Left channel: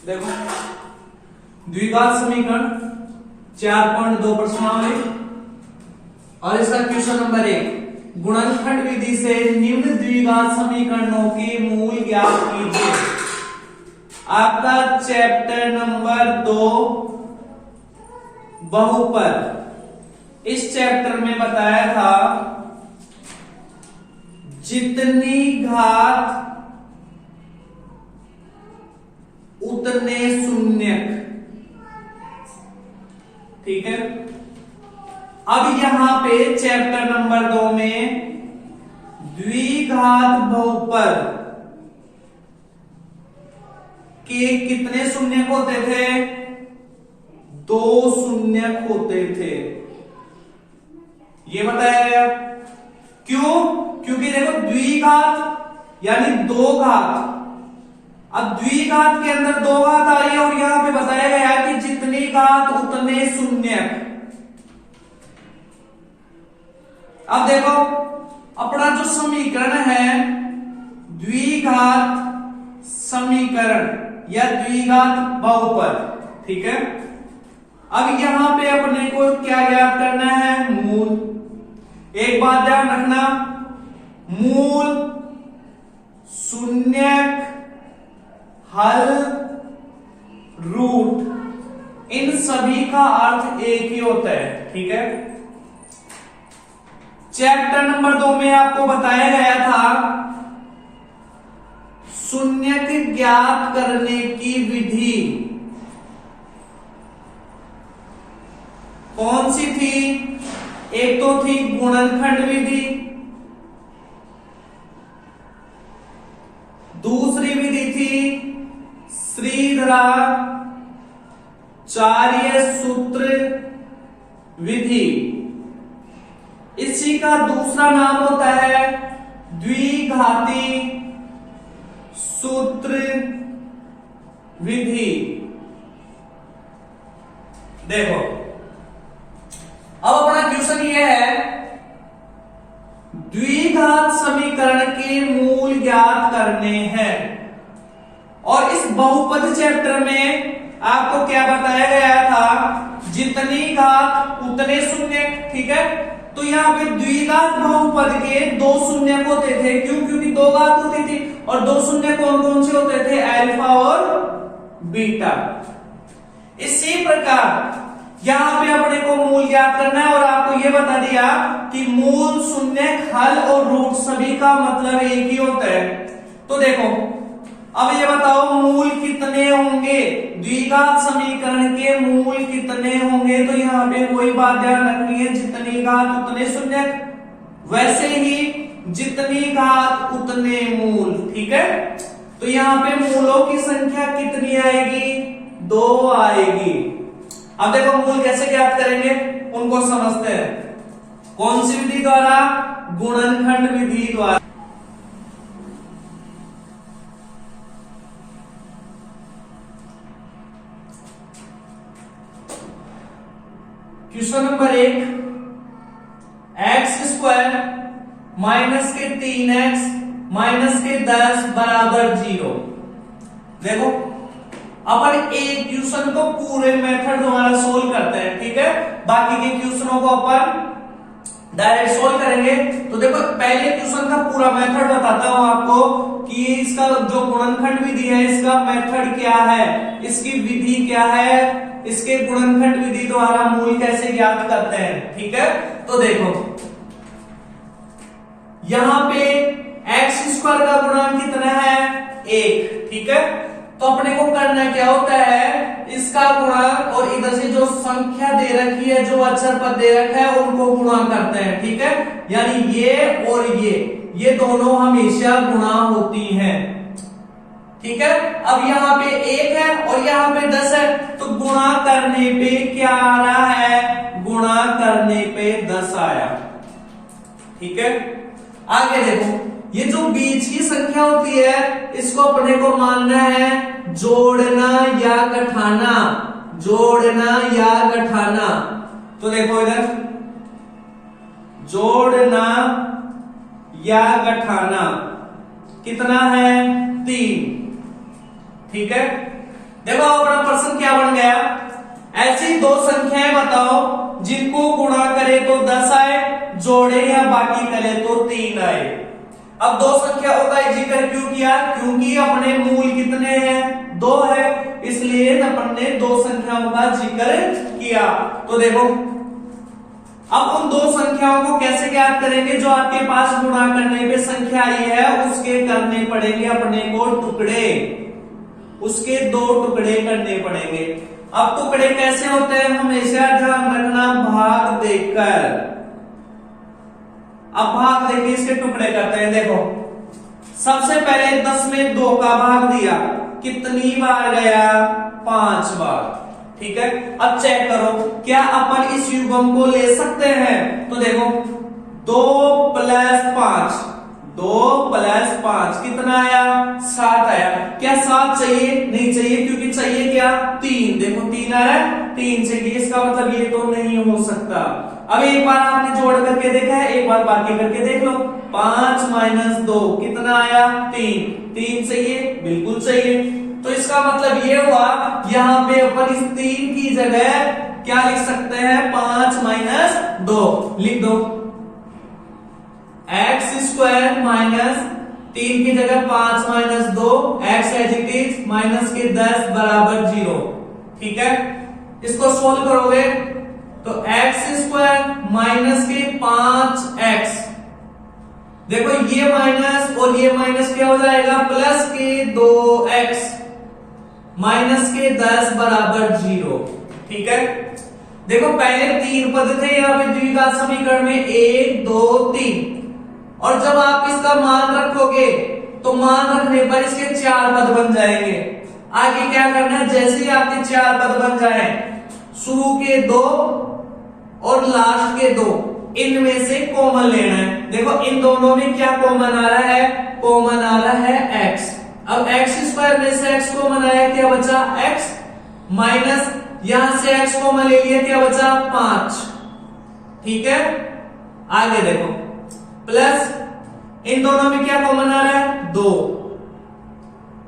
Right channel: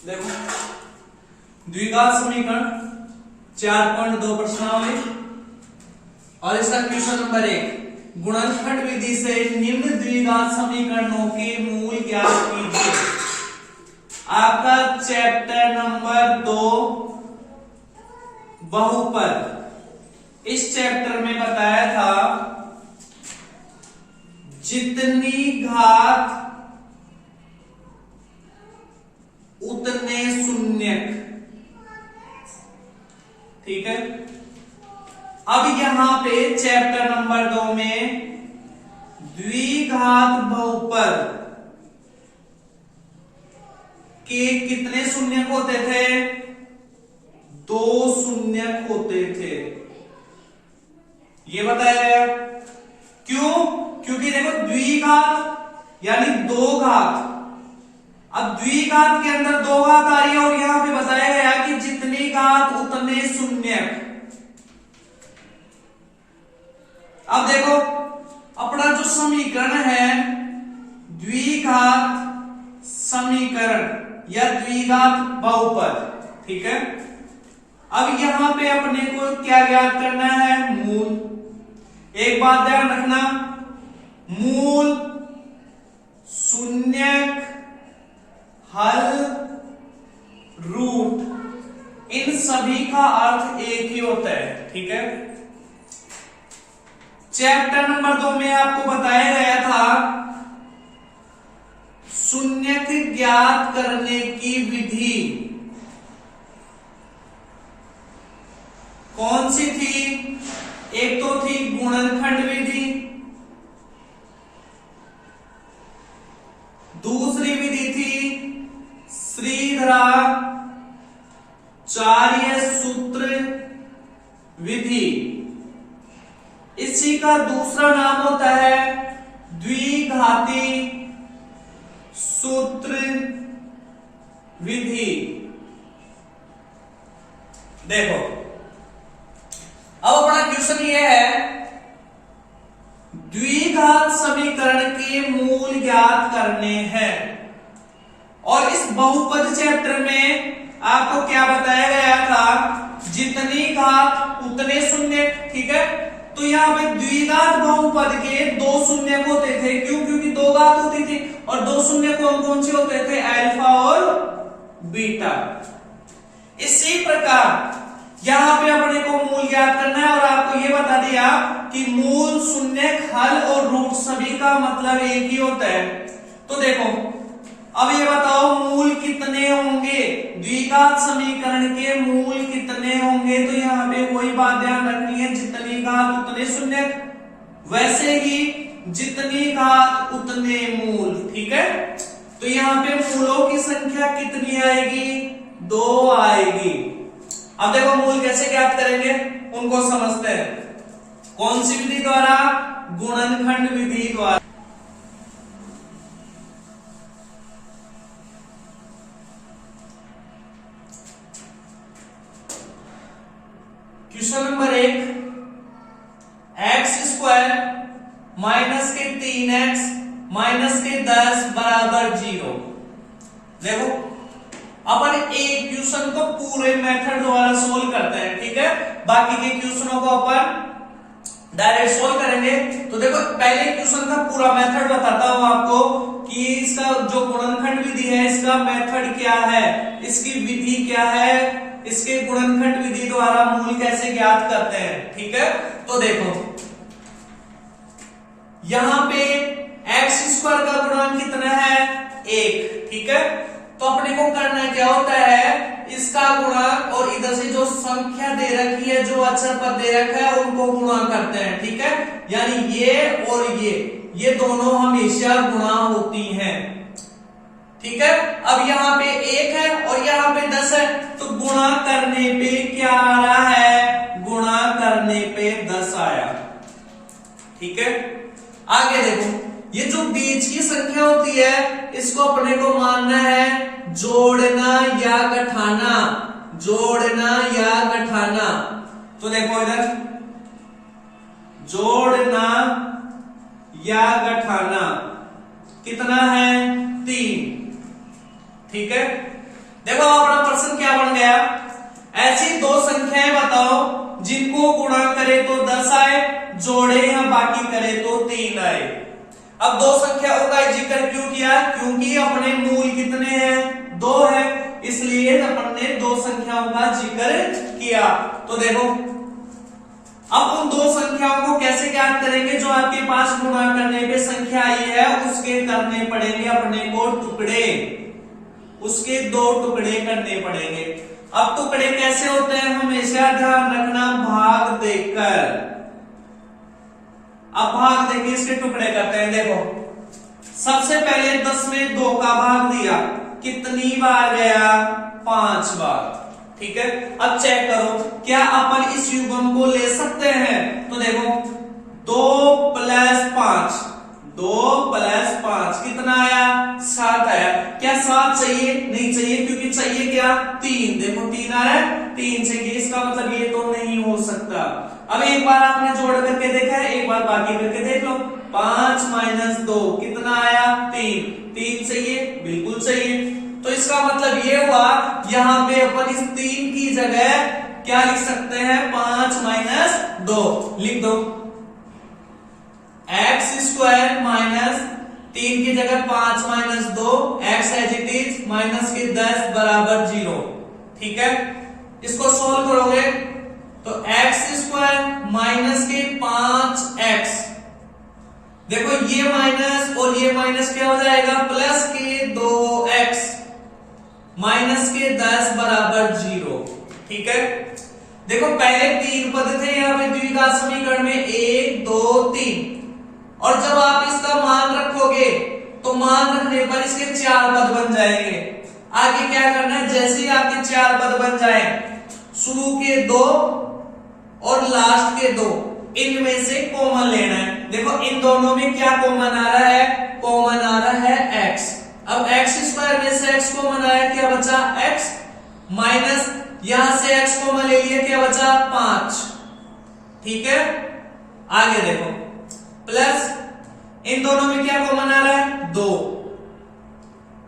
देखो द्विघात समीकरण 4.2 प्रश्नावली और इसका क्वेश्चन नंबर 1, गुणनखंड विधि से निम्न द्विघात समीकरणों के मूल ज्ञात कीजिए। आपका चैप्टर नंबर 2 बहुपद। इस चैप्टर में बताया था जितनी घात उतने शून्यक। ठीक है, अब यहां पे चैप्टर नंबर 2 में द्विघात बहुपद के कितने शून्यक होते थे? 2 शून्यक होते थे, ये बताया गया। क्यों? क्योंकि देखो द्विघात यानी 2 घात। अब द्विघात के अंदर 2 घात आ रही है और यहां पे बताया गया कि जितनी घात उतने शून्यक। अब देखो अपना जो समीकरण है द्विघात समीकरण या द्विघात बहुपद, ठीक है। अब यहां पे अपने को क्या ज्ञात करना है? मूल। एक बात ध्यान रखना, मूल, शून्यक, हल, रूट, इन सभी का अर्थ एक ही होता है। ठीक है, चैप्टर नंबर 2 में आपको बताया गया था शून्यक ज्ञात करने की विधि कौन सी थी? एक तो थी गुणनखंड विधि, दूसरी विधि थी श्रीधराचार्य सूत्र विधि। इसी का दूसरा नाम होता है द्विघाती सूत्र विधि। देखो अब अपना क्वेश्चन ये है, द्विघात समीकरण के मूल ज्ञात करने हैं। और इस बहुपद चैप्टर में आपको क्या बताया गया था? जितनी घात उतने शून्यक। ठीक है, तो यहाँ पे द्विघात बहुपद के 2 शून्यक होते थे। क्यों? क्योंकि 2 घात होती थी और 2 शून्यक कौन से होते थे? अल्फा और बीटा। इसी प्रकार यहां पे अपने को मूल ज्ञात करना है और आपको यह बता दिया कि मूल, शून्यक, हल और रूट सभी का मतलब एक ही होता है। तो देखो अब ये बताओ मूल कितने होंगे? द्विघात समीकरण के मूल कितने होंगे? तो यहाँ पे वही बात ध्यान रखनी है, जितनी घात उतने शून्यक, वैसे ही जितनी घात उतने मूल। ठीक है, तो यहाँ पे मूलों की संख्या कितनी आएगी? 2 आएगी। अब देखो मूल कैसे ज्ञात करेंगे उनको समझते हैं। कौन सी विधि द्वारा? गुणनखंड विधि द्वारा। क्वेश्चन नंबर 1, x² माइनस के 3x माइनस के 10 बराबर 0। देखो अपन एक क्वेश्चन को पूरे मेथड द्वारा सोल्व करते हैं। ठीक है, बाकी के क्वेश्चनों को अपन डायरेक्ट सोल्व करेंगे। तो देखो पहले क्वेश्चन का पूरा मेथड बताता हूं आपको कि इसका जो गुणनखंड विधि है इसका मेथड क्या है, इसकी विधि क्या है, इसके गुणनखंड विधि द्वारा मूल कैसे ज्ञात करते हैं। ठीक है, तो देखो यहां पे x² का गुणांक कितना है? 1। ठीक है, तो अपने को करना क्या होता है? इसका गुणा और इधर से जो संख्या दे रखी है, जो अक्षर पद दे रखा है, उनको गुणा करते हैं। ठीक है, यानी ये और ये दोनों हमेशा गुणा होती हैं। ठीक है, अब यहाँ पे 1 है और यहाँ पे 10 है, तो गुणा करने पे क्या आ रहा है? गुणा करने पे 10 आया। ठीक है, आगे देखो ये जो बीच की संख्या होती है इसको अपने को मानना है जोड़ना या घटाना। जोड़ना या घटाना, तो देखो इधर जोड़ना या घटाना कितना है? 3। ठीक है, देखो अपना प्रश्न क्या बन गया, ऐसी दो संख्याएं बताओ जिनको गुणा करे तो 10 आए, जोड़े या बाकी करे तो 3 आए। अब दो संख्याओं का जिक्र क्यों किया, क्योंकि अपने मूल कितने हैं, 2 है, इसलिए अपन ने दो संख्याओं का जिक्र किया। तो देखो अब उन दो संख्याओं को कैसे ज्ञात करेंगे, जो आपके पास गुणा करने पे संख्या आई है उसके करने पड़ेंगे अपने को टुकड़े, उसके 2 टुकड़े करने पड़ेंगे। अब टुकड़े कैसे होते हैं, हमेशा ध्यान रखना, भाग देकर। अब भाग देखिए इसके टुकड़े करते हैं। देखो सबसे पहले 10 में 2 का भाग दिया, कितनी बार गया, 5 बार। ठीक है, अब चेक करो क्या अपन इस युग्म को ले सकते हैं। तो देखो 2 + 5, 2 + 5 कितना आया, 7 आया। क्या 7 चाहिए, नहीं चाहिए, क्योंकि चाहिए क्या, 3। देखो 3 आ रहा है, 3 चाहिए, इसका मतलब ये तो नहीं हो सकता। अब एक बार आपने जोड़ करके देखा है, एक बार बाकी करके देख लो। 5 - 2 कितना आया, 3। 3 चाहिए, बिल्कुल चाहिए। तो इसका मतलब ये हुआ, यहां पे अपन इस 3 की जगह क्या लिख सकते हैं, 5 - 2 लिख दो। x² - 3 की जगह 5 - 2, x as it is, minus के 10 बराबर 0। ठीक है, इसको सोल्व करोगे तो x² माइनस के 5x, देखो ये माइनस और ये माइनस क्या हो जाएगा, प्लस के 2x माइनस के 10 बराबर 0। ठीक है, देखो पहले 3 पद थे यहाँ पे द्विघात समीकरण में, 1 2 3, और जब आप इसका मान रखोगे तो मान रखने पर इसके 4 पद बन जाएंगे। आगे क्या करना है, जैसे ही आपके 4 पद बन जाए, शुरू के 2 और लास्ट के 2, इनमें से कॉमन लेना है। देखो इन दोनों में क्या कॉमन आ रहा है, कॉमन आ रहा है x। अब x² में से x कॉमन आया, क्या बचा, x, माइनस यहां से x कॉमन ले लिया, क्या बचा, 5। ठीक है, आगे देखो प्लस इन दोनों में क्या कॉमन आ रहा है, 2।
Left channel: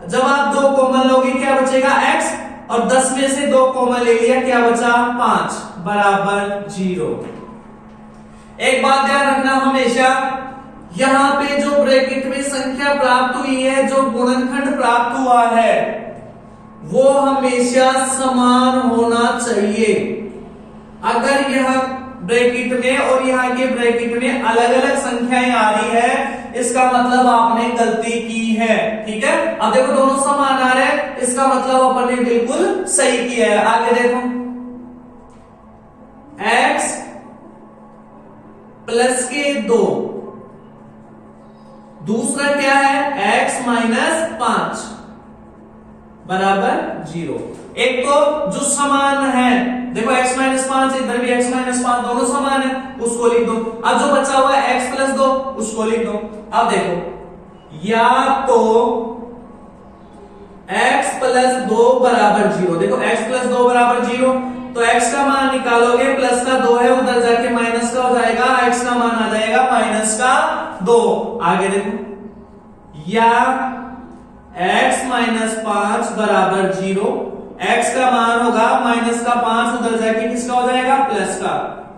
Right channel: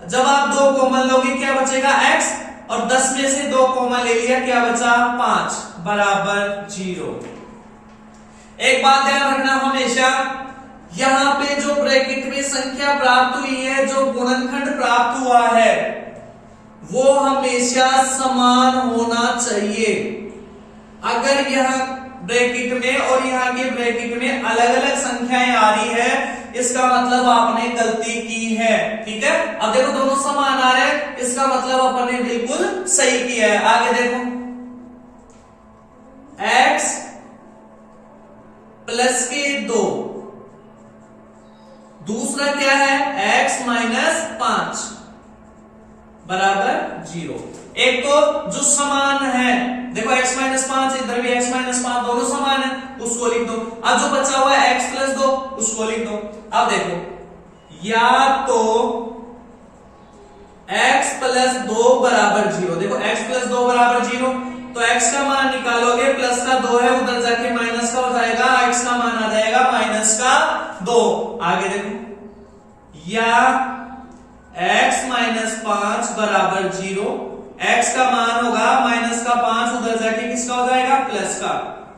जब आप 2 कॉमन लोगे क्या बचेगा, x, और 10 में से 2 कॉमन ले लिया, क्या बचा, 5 बराबर 0। एक बात ध्यान रखना, हमेशा यहां पे जो ब्रैकेट में संख्या प्राप्त हुई है, जो गुणनखंड प्राप्त हुआ है, वो हमेशा समान होना चाहिए। अगर यहां ब्रैकेट में और यहाँ के ब्रैकेट में अलग अलग संख्याएं आ रही है, इसका मतलब आपने गलती की है। ठीक है, अब देखो दोनों समान आ रहे हैं, इसका मतलब अपन ने बिल्कुल सही किया है। आगे देखो x प्लस के 2, दूसरा क्या है, x माइनस 5 बराबर 0। एक तो जो समान है, देखो x माइनस 5, इधर भी x माइनस 5, दोनों समान है, उसको लिख दो। अब जो बचा हुआ है x प्लस 2, उसको लिख दो। अब देखो या तो x प्लस 2 बराबर 0, देखो x प्लस 2 बराबर 0, तो x का मान निकालोगे, प्लस का 2 है, उधर जाके माइनस का हो जाएगा, x का मान आ जाएगा माइनस का 2। आगे देखो या x माइनस 5 बराबर 0, x का मान होगा माइनस का 5, उधर जाके किसका हो जाएगा, प्लस का।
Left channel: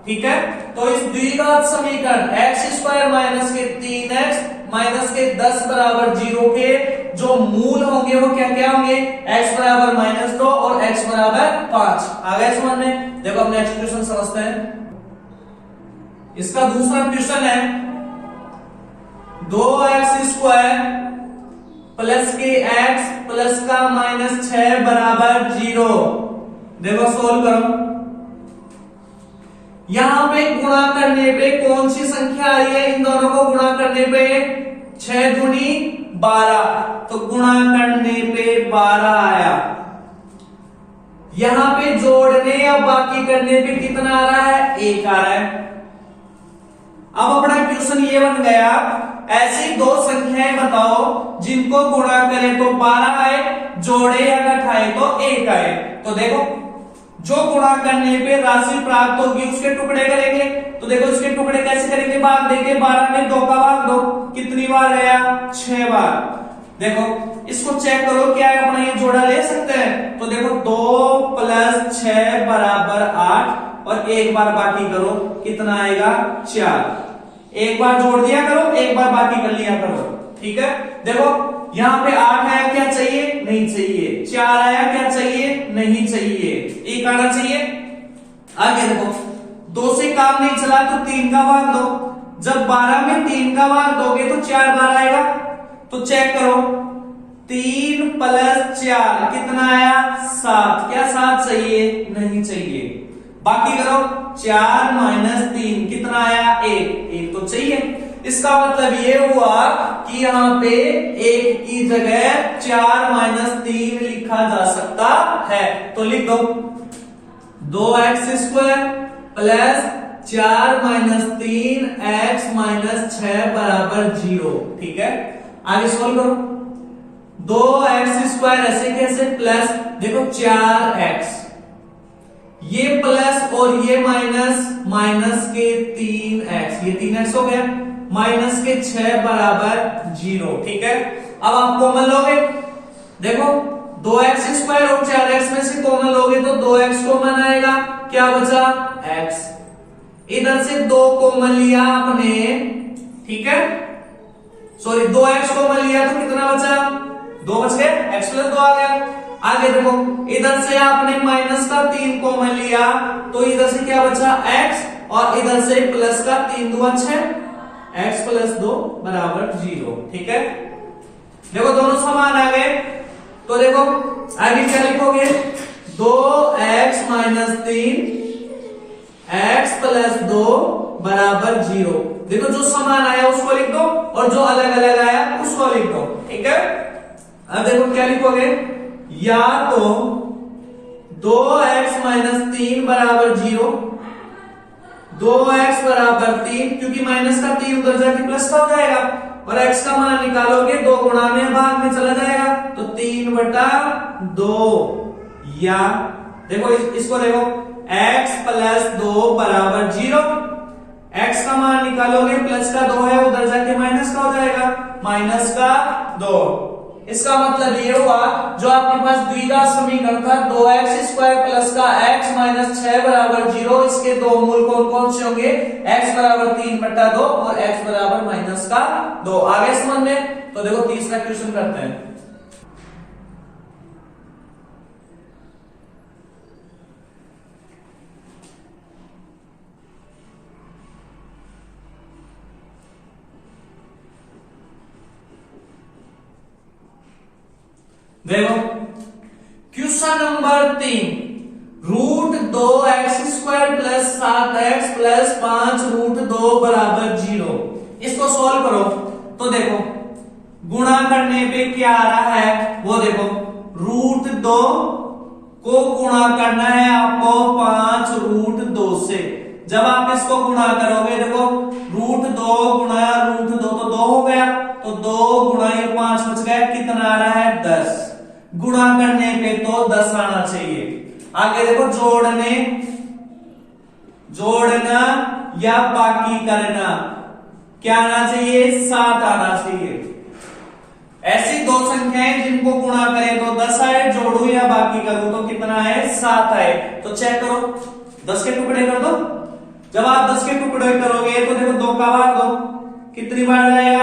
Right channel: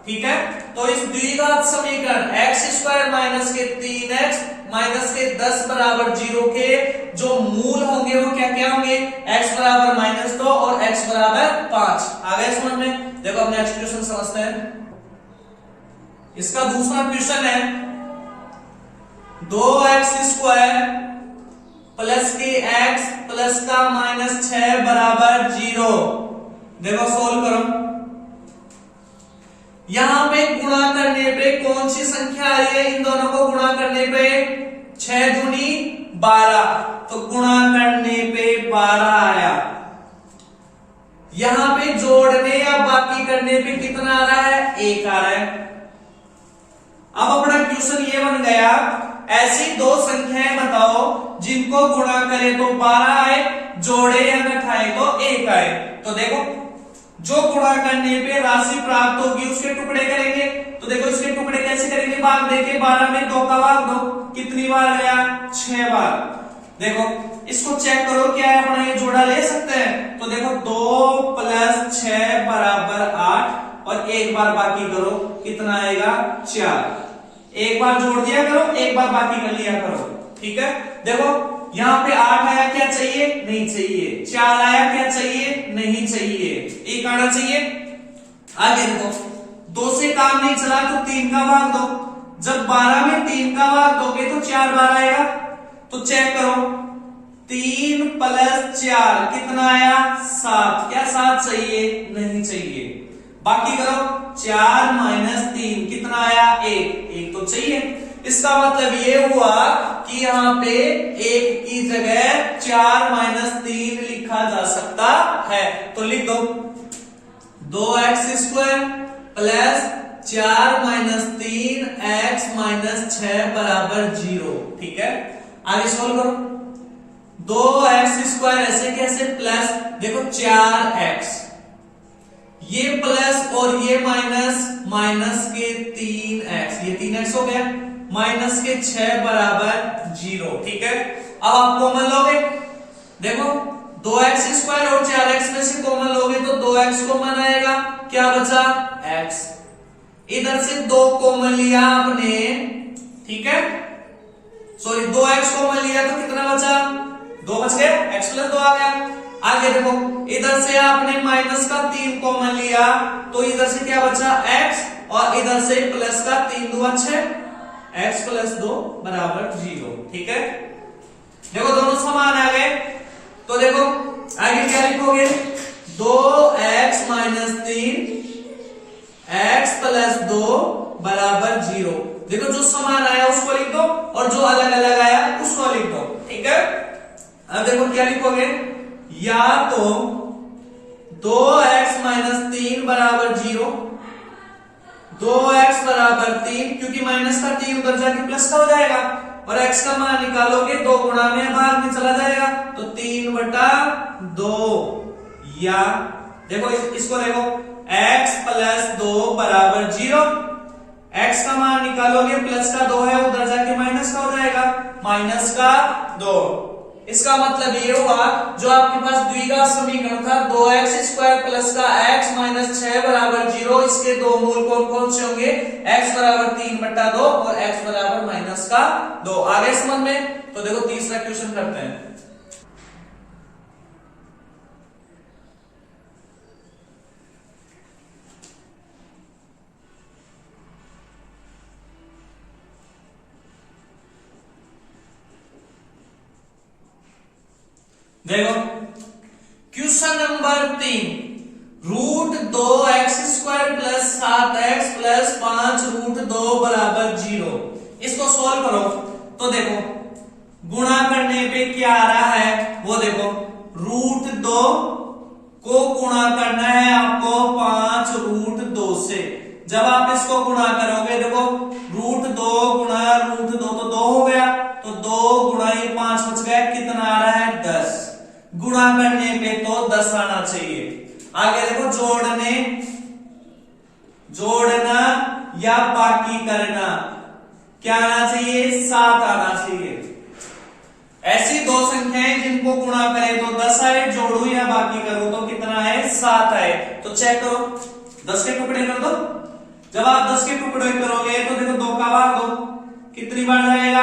ठीक है, तो इस द्विघात समीकरण x² माइनस के 3x माइनस के 10 बराबर 0 के जो मूल होंगे वो क्या क्या होंगे, x बराबर -2 और x बराबर 5। आ गए समझ में। देखो अपने एक्सप्रेशन समझते हैं। इसका दूसरा क्वेश्चन है 2x² प्लस के x प्लस का -6 बराबर 0। देखो सोल्व करो। यहां पे गुणा करने पे कौन सी संख्या आ रही है, इन दोनों को गुणा करने पे 6 दूनी 12, तो गुणा करने पे 12 आया। यहां पे जोड़ने या बाकी करने पे कितना आ रहा है, 1 आ रहा है। अब अपना क्वेश्चन ये बन गया, ऐसी दो संख्याएं बताओ जिनको गुणा करें तो 12 आए, जोड़े या घटाए तो 1 आए। तो देखो जो गुणा करने पे राशि प्राप्त होगी उसके टुकड़े करेंगे। तो देखो इसके टुकड़े कैसे करेंगे, भाग देके 12 में 2 का भाग दो, कितनी बार गया, 6 बार। देखो इसको चेक करो क्या है अपना ये जोड़ा ले सकते हैं। तो देखो 2 + 6 = 8 और एक बार बाकी करो कितना आएगा 4। एक बार जोड़ दिया करो, एक बार बाकी कर लिया करो, ठीक है। देखो यहाँ पे 8 आया, क्या चाहिए, नहीं चाहिए। 4 आया, क्या चाहिए, नहीं चाहिए। 1 आना चाहिए। आगे देखो 2 से काम नहीं चला तो 3 का भाग दो। जब 12 में 3 का भाग दोगे तो 4 बार आएगा। तो चेक करो 3 + 4 कितना आया 7। क्या 7 चाहिए, नहीं चाहिए। बाकी करो 4 - 3 कितना आया 1 तो चाहिए। इसका मतलब ये हुआ कि यहाँ पे 1 की जगह 4 - 3 लिखा जा सकता है। तो लिख दो 2x² + 4 - 3x - 6 = 0, ठीक है। आगे सॉल्व करो 2x² ऐसे कैसे प्लस, देखो 4x, ये प्लस और ये माइनस के 3x, ये 3x हो गया, माइनस के 6 = 0, ठीक है। अब आप कॉमन लोगे, देखो 2x² और 4x में से कॉमन लोगे तो 2x कॉमन आएगा, क्या बचा x। इधर से 2 कॉमन लिया आपने, ठीक है, सॉरी 2x कॉमन लिया तो कितना बचा 2 बच गया, x + 2 आ गया। आगे देखो इधर से आपने माइनस का 3 कॉमन लिया तो इधर से क्या बचा x और इधर से प्लस का 3 × 2 = 6, x + 2 = 0, ठीक है। देखो दोनों समान आ गए। तो देखो आगे क्या लिखोगे 2x - 3 x + 2 = 0। देखो जो समान आया उसको लिख दो और जो अलग अलग आया उसको लिख दो, ठीक है। अब देखो क्या लिखोगे, या तो 2x - 3 = 0, 2x = 3 क्योंकि माइनस का 3 उधर जाके प्लस का हो जाएगा और x का मान निकालोगे 2 गुणा में भाग में चला जाएगा तो 3/2, या देखो इसको देखो x + 2 = 0, x का मान निकालोगे प्लस का 2 है उधर जाके माइनस का हो जाएगा, माइनस का 2। इसका मतलब ये हुआ जो आपके पास द्विघात समीकरण था 2x² प्लस का x - 6 = 0, इसके दो मूल कौन कौन से होंगे, x = 3/2 और x = -2। आगे समझ में। तो देखो तीसरा क्वेश्चन करते हैं। देखो क्वेश्चन नंबर 3, √2x² + 7x + 5√2 = 0। इसको सॉल्व करो तो देखो गुणा करने पे क्या आ रहा है वो देखो, √2 को गुणा करना है आपको 5√2 से। जब आप इसको गुणा करोगे देखो √2 गुणा √2 तो 2 हो गया, तो 2 गुणा ये 5 बच गया, कितना आ रहा है 10। गुणा करने पे तो 10 आना चाहिए। आगे देखो जोड़ना या बाकी करना, क्या आना चाहिए 7 आना चाहिए। ऐसी दो संख्याएं जिनको गुणा करें तो 10 आए, जोड़ू या बाकी करूं तो कितना है 7 आए। तो चेक करो 10 के टुकड़े कर दो। जब आप 10 के टुकड़े करोगे तो देखो 2 का भाग दो, कितनी बार जाएगा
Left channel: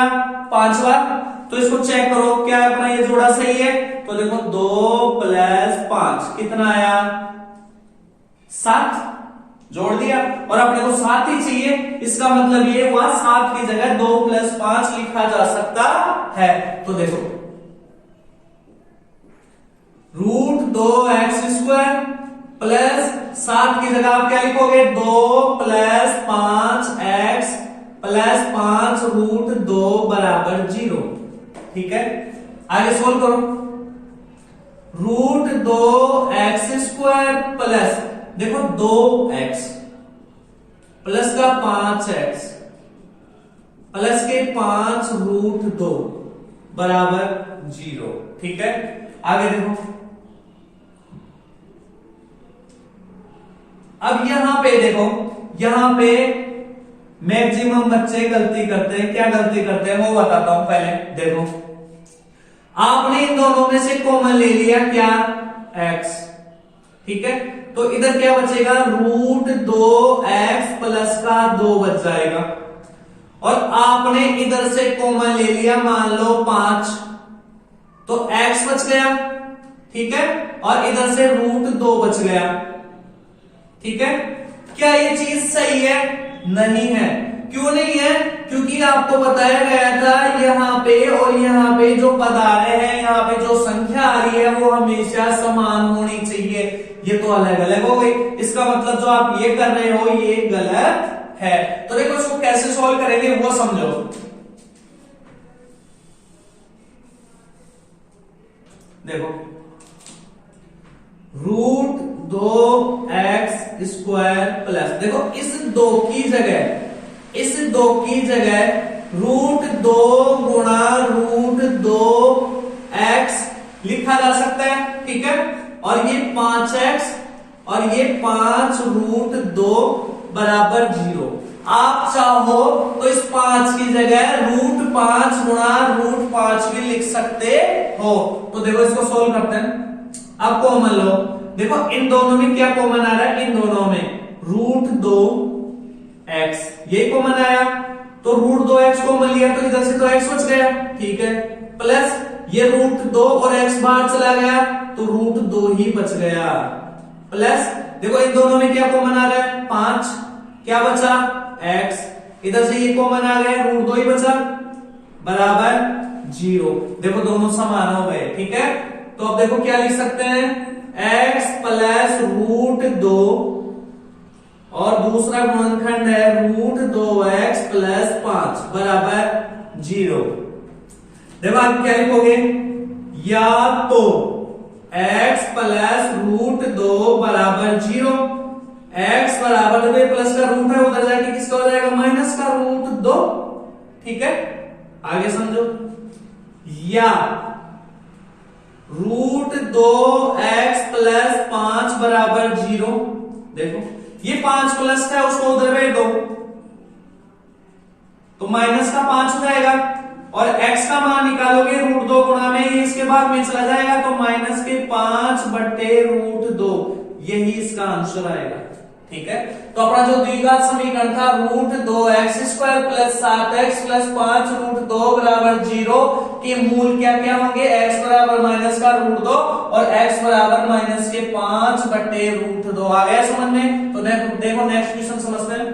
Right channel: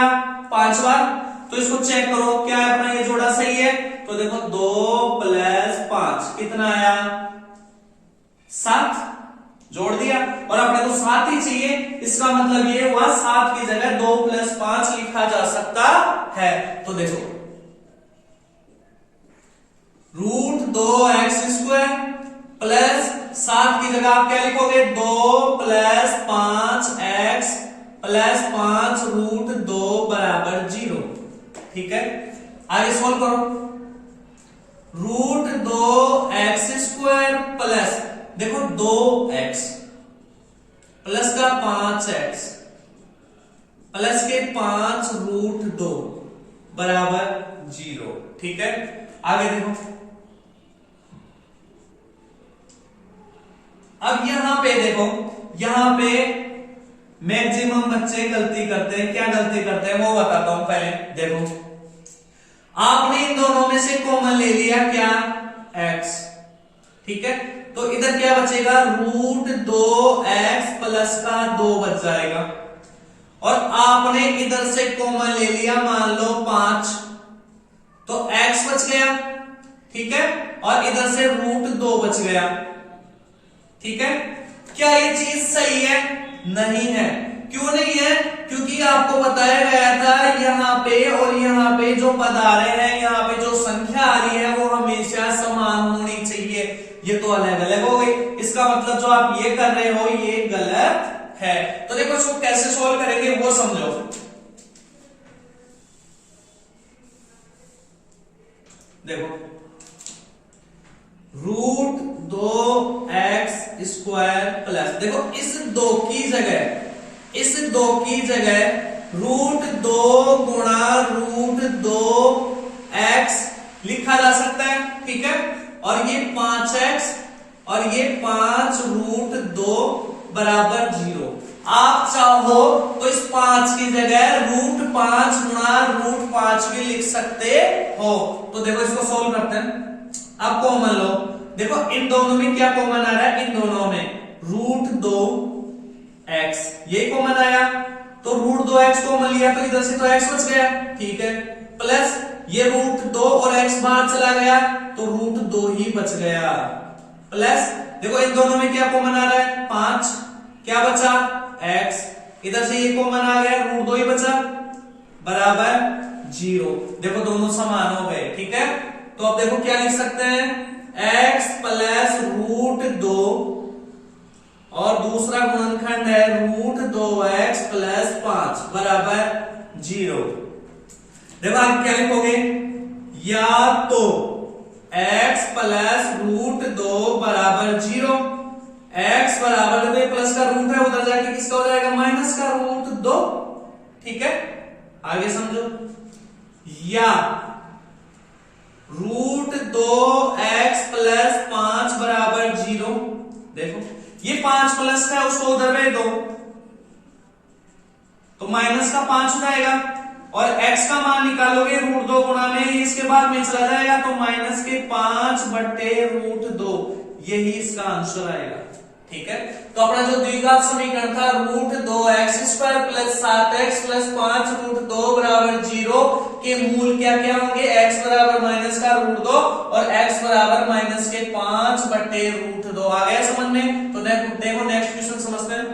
5 बार। तो इसको चेक करो क्या अपना ये जोड़ा सही है। तो देखो 2 + 5 कितना आया 7, जोड़ दिया और अपने को 7 ही चाहिए। इसका मतलब ये हुआ 7 की जगह 2 + 5 लिखा जा सकता है। तो देखो √2x² प्लस 7 की जगह आप क्या लिखोगे 2 + 5x + 5√2 = 0, ठीक है। आगे सोल्व करो √2x² प्लस देखो 2x प्लस का 5x प्लस के 5√2 = 0, ठीक है। आगे देखो अब यहां पे देखो, यहां पे मैक्सिमम बच्चे गलती करते हैं। क्या गलती करते हैं वो बताता हूं पहले। देखो आपने इन दोनों में से कॉमन ले लिया क्या, x, ठीक है। तो इधर क्या बचेगा, √2x प्लस का 2 बच जाएगा। और आपने इधर से कॉमन ले लिया मान लो 5, तो x बच गया, ठीक है। और इधर से √2 बच गया, ठीक है। क्या ये चीज सही है, नहीं है। क्यों नहीं है, क्योंकि आपको बताया गया था यहाँ पे और यहाँ पे जो पद आ रहे हैं, यहाँ पे जो संख्या आ रही है वो हमेशा समान होनी चाहिए। ये तो अलग अलग हो गई, इसका मतलब जो आप ये कर रहे हो ये गलत है। तो देखो इसको कैसे सॉल्व करेंगे वो समझो। देखो √2x² प्लस, देखो इस 2 की जगह √2 गुणा √2x लिखा जा सकता है, ठीक है। और ये 5x और ये 5√2 बराबर 0। आप चाहो तो इस 5 की जगह √5 गुणा √5 भी लिख सकते हो। तो देखो इसको सोल्व करते हैं। अब कॉमन लो, देखो इन दोनों में क्या कॉमन आ रहा है, इन दोनों में √2x ये कॉमन आया, तो √2x कॉमन लिया तो इधर से तो x बच गया, ठीक है। प्लस ये √2 और x बाहर चला गया तो √2 ही बच गया। प्लस देखो इन दोनों में क्या कॉमन आ रहा है, 5, क्या बचा x, इधर से ये कॉमन आ गया, √2 ही बचा, बराबर 0। देखो दोनों समान हो गए, ठीक है। तो अब देखो क्या लिख सकते हैं, x प्लस √2 और दूसरा गुणनखंड है √2x प्लस 5 बराबर 0। देखो आप क्या लिखोगे, या तो x प्लस √2 बराबर 0, x बराबर देखो प्लस का रूट है उधर जाके किसका हो जाएगा, माइनस का √2, ठीक है। आगे समझो, या √2x प्लस 5 बराबर 0। देखो ये 5 प्लस का है उसको उधर भेज दो तो माइनस का 5 हो जाएगा, और x का मान निकालोगे √2 गुणा में ही इसके बाद में चला जाएगा तो माइनस के 5/√2, यही इसका आंसर आएगा, ठीक है। तो अपना जो द्विघात समीकरण था √2x² प्लस 7x प्लस 5√2 बराबर 0 के मूल क्या क्या होंगे, x बराबर माइनस का √2 और x बराबर माइनस के 5/√2। आ गया समझ में। तो देखो नेक्स्ट क्वेश्चन समझते हैं।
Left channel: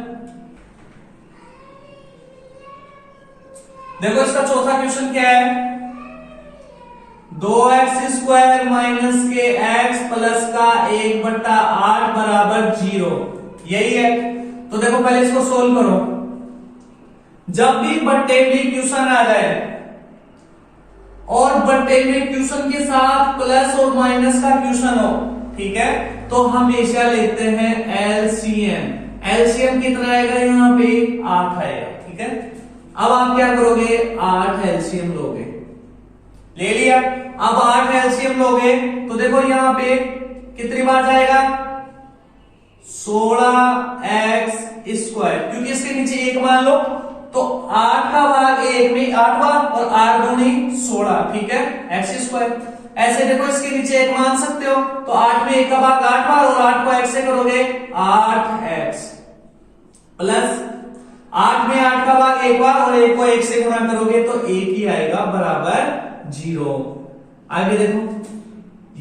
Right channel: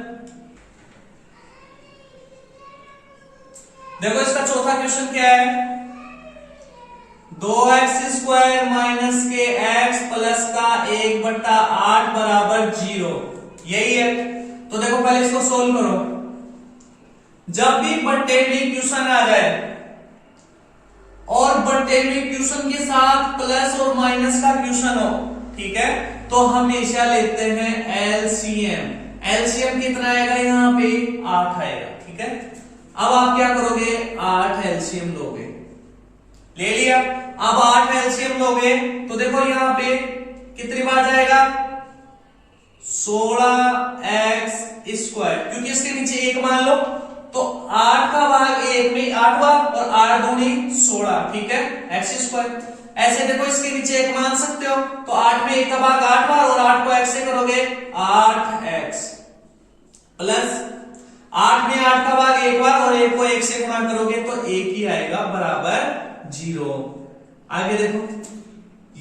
देखो इसका चौथा क्वेश्चन क्या है, 2x² माइनस के x प्लस का 1/8 बराबर 0, यही है। तो देखो पहले इसको सोल्व करो। जब भी बट्टे में क्वेश्चन आ जाए और बट्टे में क्वेश्चन के साथ प्लस और माइनस का क्वेश्चन हो, ठीक है, तो हमेशा लेते हैं एलसीएम। एलसीएम कितना आएगा, यहाँ पे 8 आएगा, ठीक है। अब आप क्या करोगे, 8 एलसीएम लोगे, ले लिया। अब 8 एलसीएम लोगे तो देखो यहाँ पे कितनी बार जाएगा, 16x², क्योंकि इसके नीचे 1 मान लो तो 8 का भाग 1 में 8 बार और 8 दूनी 16, ठीक है, x²। ऐसे देखो इसके नीचे 1 मान सकते हो तो 8 में 1 का भाग 8 बार और 8 को x से करोगे 8x प्लस 8 में 8 का भाग 1 बार और 1 को 1 से गुणा करोगे तो 1 ही आएगा बराबर 0। आगे देखो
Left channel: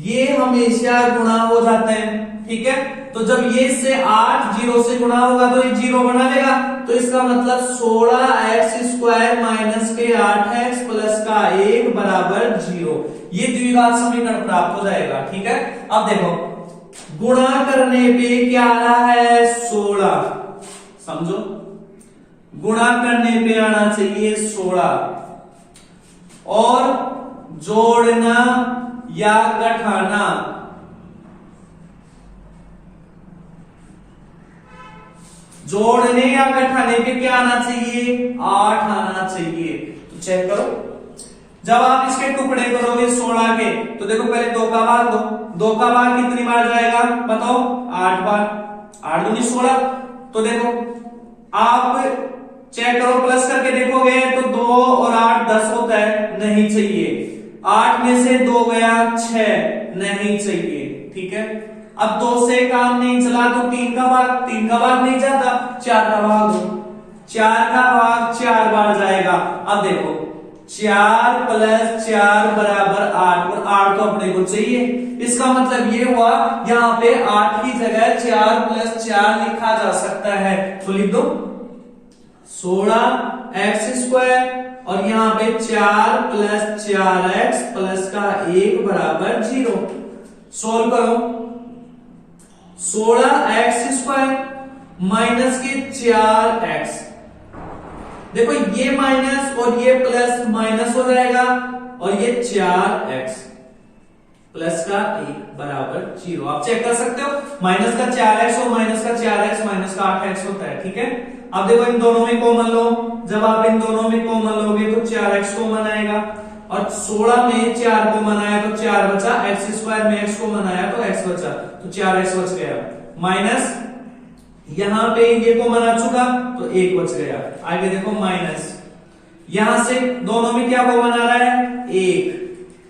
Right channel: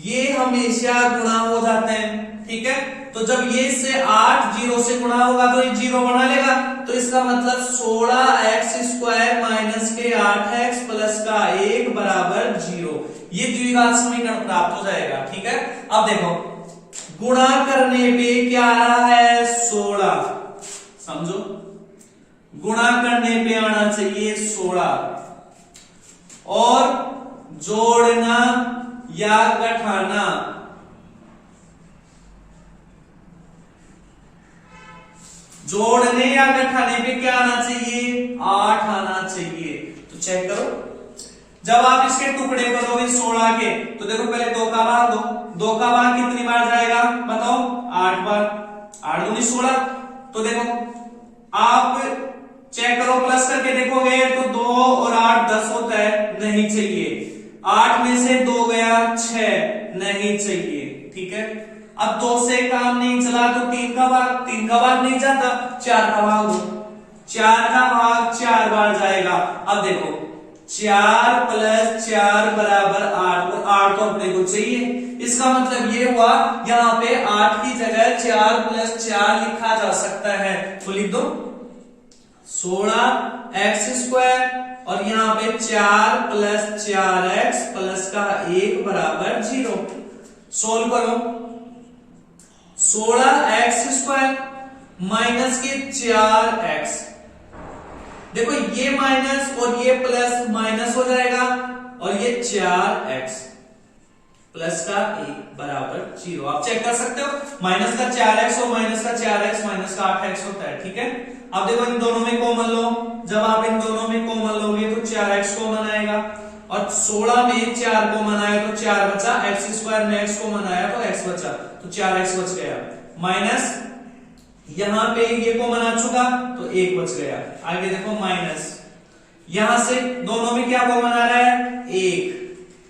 ये हमेशा गुणा हो जाते हैं, ठीक है। तो जब ये से 8 0 से गुणा होगा तो ये 0 बना लेगा, तो इसका मतलब 16x² माइनस के 8x प्लस का 1 बराबर 0, ये द्विघात समीकरण प्राप्त हो जाएगा, ठीक है। अब देखो गुणा करने पे क्या आ रहा है, 16, समझो गुणा करने पे आना चाहिए 16 और जोड़ना या घटाना जोड़ने या घटाने पे क्या आना चाहिए, 8 आना चाहिए। तो चेक करो, जब आप इसके टुकड़े करोगे 16 के तो देखो पहले 2 का भाग दो, 2 का भाग कितनी बार जाएगा बताओ, 8 बार, 8 दूनी 16। तो देखो आप चेक करो, प्लस करके देखोगे तो 2 और 8 10 होता है, नहीं चाहिए। 8 में से 2 गया 6, नहीं चाहिए। ठीक है, अब 2 से काम नहीं चला तो 3 का भाग नहीं जाता, 4 का भाग दो, 4 का भाग 4 बार जाएगा। अब देखो 4 + 4 बराबर 8, और 8 तो अपने को चाहिए। इसका मतलब ये हुआ यहाँ पे 8 की जगह 4 + 4 लिखा जा सकता है, तो लिख दो 16x², और यहाँ पे 4 + 4x प्लस का 1 बराबर 0। सोल्व करो, 16x² माइनस के 4x, देखो ये माइनस और ये प्लस माइनस हो जाएगा, और ये 4x प्लस का 1 बराबर 0। आप चेक कर सकते हो, माइनस का 4x और माइनस का 4x माइनस का 8x होता है। ठीक है, अब देखो इन दोनों में कॉमन लो, जब आप इन दोनों में कॉमन लोगे तो 4x कॉमन आएगा, और 16 में 4 कॉमन आया तो 4 बचा, x² में x कॉमन आया तो x बचा, तो 4x बच गया, माइनस यहां पे ये कॉमन आ चुका तो 1 बच गया। आगे देखो माइनस, यहां से दोनों में क्या कॉमन आ रहा है, 1,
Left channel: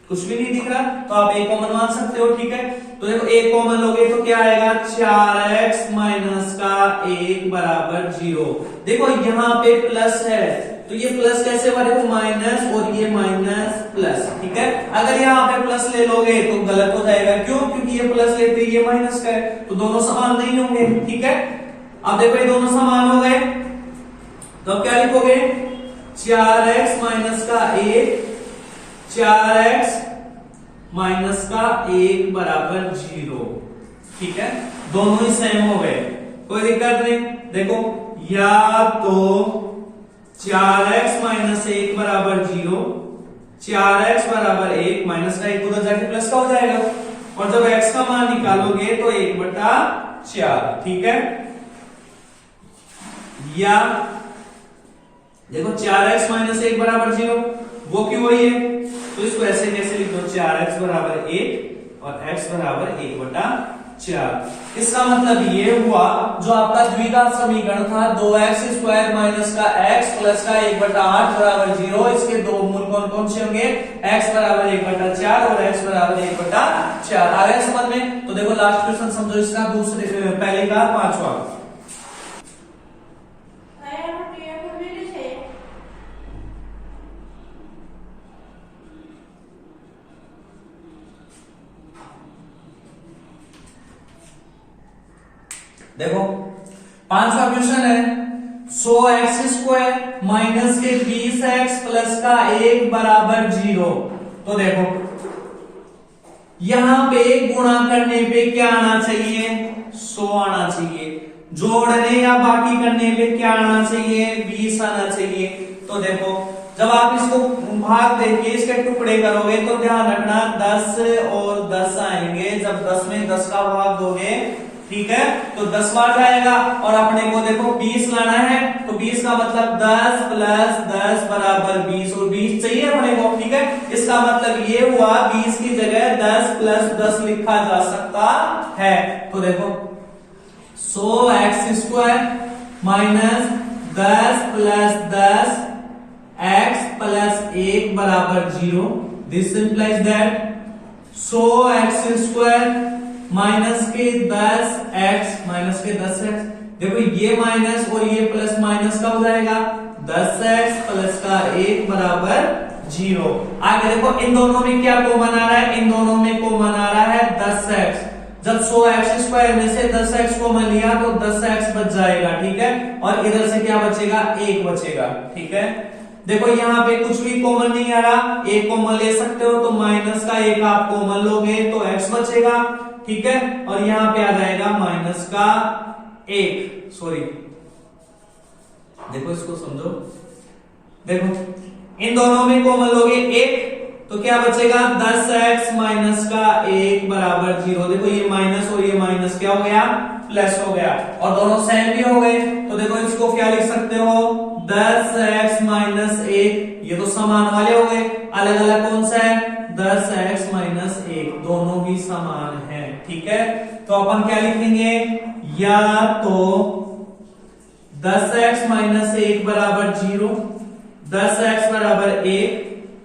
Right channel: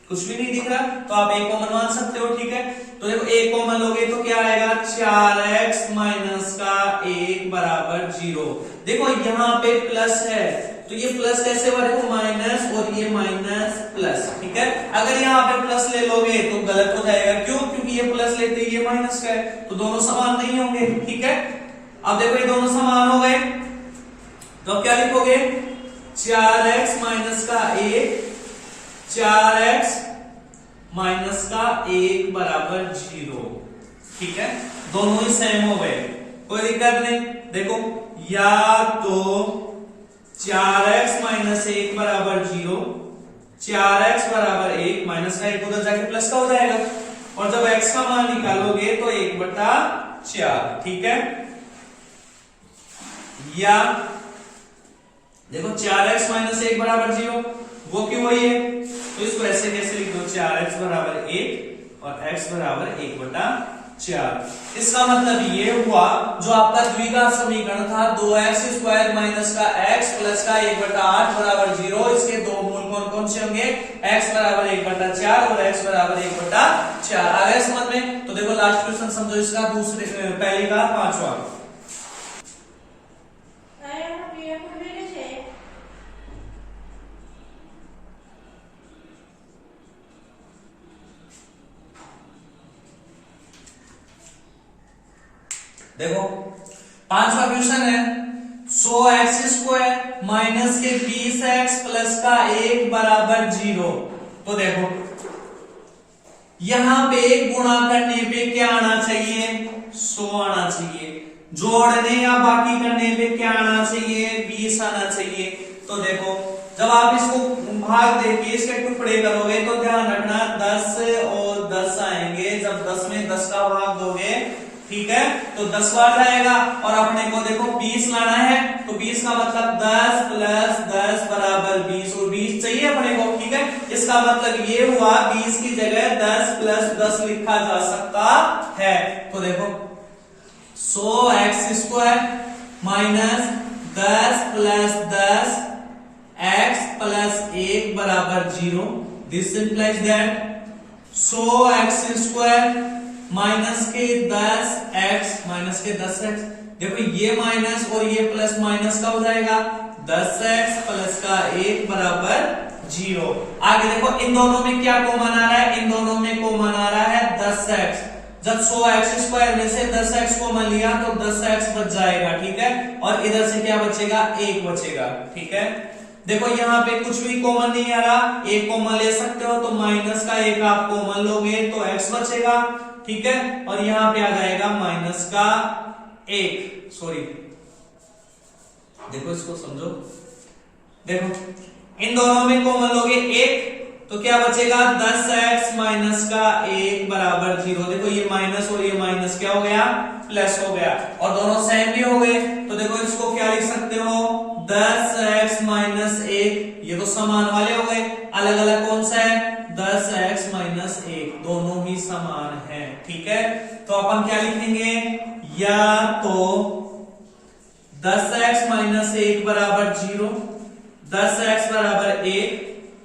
कुछ भी नहीं दिख रहा तो आप 1 कॉमन मान सकते हो। ठीक है, तो देखो 1 कॉमन लोगे तो क्या आएगा, 4x माइनस का 1 बराबर 0। देखो यहाँ पे प्लस है तो ये प्लस कैसे बने, माइनस और ये माइनस प्लस। ठीक है, अगर यहाँ पे प्लस ले लोगे तो गलत हो जाएगा, क्यों, क्योंकि ये प्लस लेते ये माइनस का है, तो दोनों समान नहीं होंगे। ठीक है, अब देखो ये दोनों समान हो गए तो अब क्या लिखोगे, 4x माइनस का 1, 4x माइनस का 1 बराबर 0। ठीक है, दोनों ही सेम हो गए, कोई दिक्कत नहीं। देखो या तो 4x माइनस 1 बराबर 0, 4x बराबर 1, माइनस का 1 उधर जाके प्लस का हो जाएगा, और जब x का मान निकालोगे तो 1/4। ठीक है, या देखो 4x माइनस 1 बराबर 0, वो क्यों वही है, तो इसको ऐसे कैसे लिखो, 4x बराबर 1 और x बराबर 1/4। इसका मतलब ये हुआ जो आपका द्विघात समीकरण था 2x² माइनस का x प्लस का 1/8 बराबर 0, इसके दो मूल कौन कौन से होंगे, x बराबर 1/4 और x बराबर 1/4। आ गया समझ में। तो देखो लास्ट क्वेश्चन समझो, इसका दूसरे पहले का 5वां। देखो 5वां क्वेश्चन है, 100x² माइनस के 20x प्लस का 1 बराबर 0। तो देखो यहां पे गुणा करने पे क्या आना चाहिए, 100 आना चाहिए, जोड़ने या बाकी करने पे क्या आना चाहिए, 20 आना चाहिए। तो देखो जब आप इसको भाग देके इसके टुकड़े करोगे तो ध्यान रखना 10 और 10 आएंगे, जब 10 में 10 का भाग दोगे, ठीक है, तो 10 बार जाएगा, और अपने को देखो 20 लाना है, तो 20 का मतलब 10 + 10 बराबर 20, और 20 चाहिए अपने को। ठीक है, इसका मतलब ये हुआ 20 की जगह 10 + 10 लिखा जा सकता है। तो देखो 100x² माइनस 10 + 10 x + 1 बराबर 0। This implies that 100x² minus के 10x माइनस के 10x, देखो ये माइनस और ये प्लस माइनस का हो जाएगा, 10x प्लस का 1 बराबर 0। आगे देखो इन दोनों में क्या कॉमन आ रहा है, इन दोनों में कॉमन आ रहा है 10x। जब 100x² में से 10x कॉमन लिया तो 10x बच जाएगा। ठीक है, और इधर से क्या बचेगा, 1 बचेगा। ठीक है, देखो यहाँ पे कुछ भी कॉमन नहीं आ रहा, 1 कॉमन ले सकते हो, तो माइनस का 1 आप कॉमन लोगे तो x बचेगा। ठीक है, और यहां पे आ जाएगा माइनस का 1, सॉरी, देखो इसको समझो, देखो इन दोनों में कॉमन लोगे 1 तो क्या बचेगा, 10x माइनस का 1 बराबर 0। देखो ये माइनस और ये माइनस क्या हो गया, प्लस हो गया, और दोनों सेम भी हो गए, तो देखो इसको क्या लिख सकते हो, 10x माइनस 1, ये तो समान वाले हो गए, अलग अलग कौन सा है, 10x माइनस 1, दोनों ही समान है। ठीक है, तो अपन क्या लिखेंगे, या तो 10x माइनस 1 बराबर 0, 10x बराबर 1,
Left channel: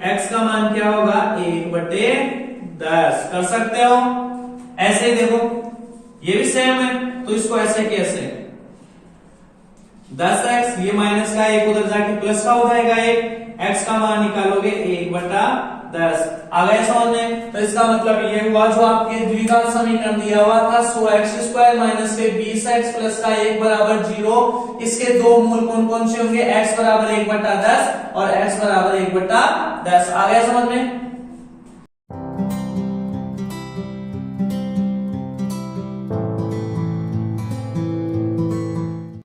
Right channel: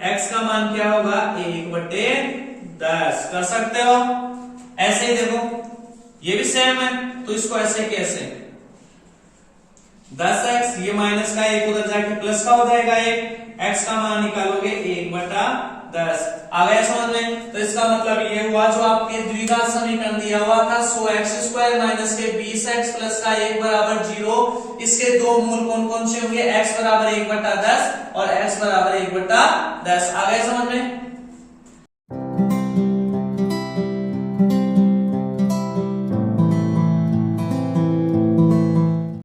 x का मान क्या होगा 1/10 कर सकते हो। ऐसे ही देखो ये भी सेम है, तो इसको ऐसे कैसे 10x, ये माइनस का 1 उधर जाके प्लस का हो जाएगा 1, x का मान निकालोगे 1/10। आ गया समझ में? तो इसका मतलब ये हुआ जो आपके द्विघात समीकरण दिया हुआ था 100x² माइनस के 20x प्लस का 1 बराबर 0, इसके दो मूल कौन कौन से होंगे, x बराबर 1/10 और x बराबर 1/10। आ गया समझ में?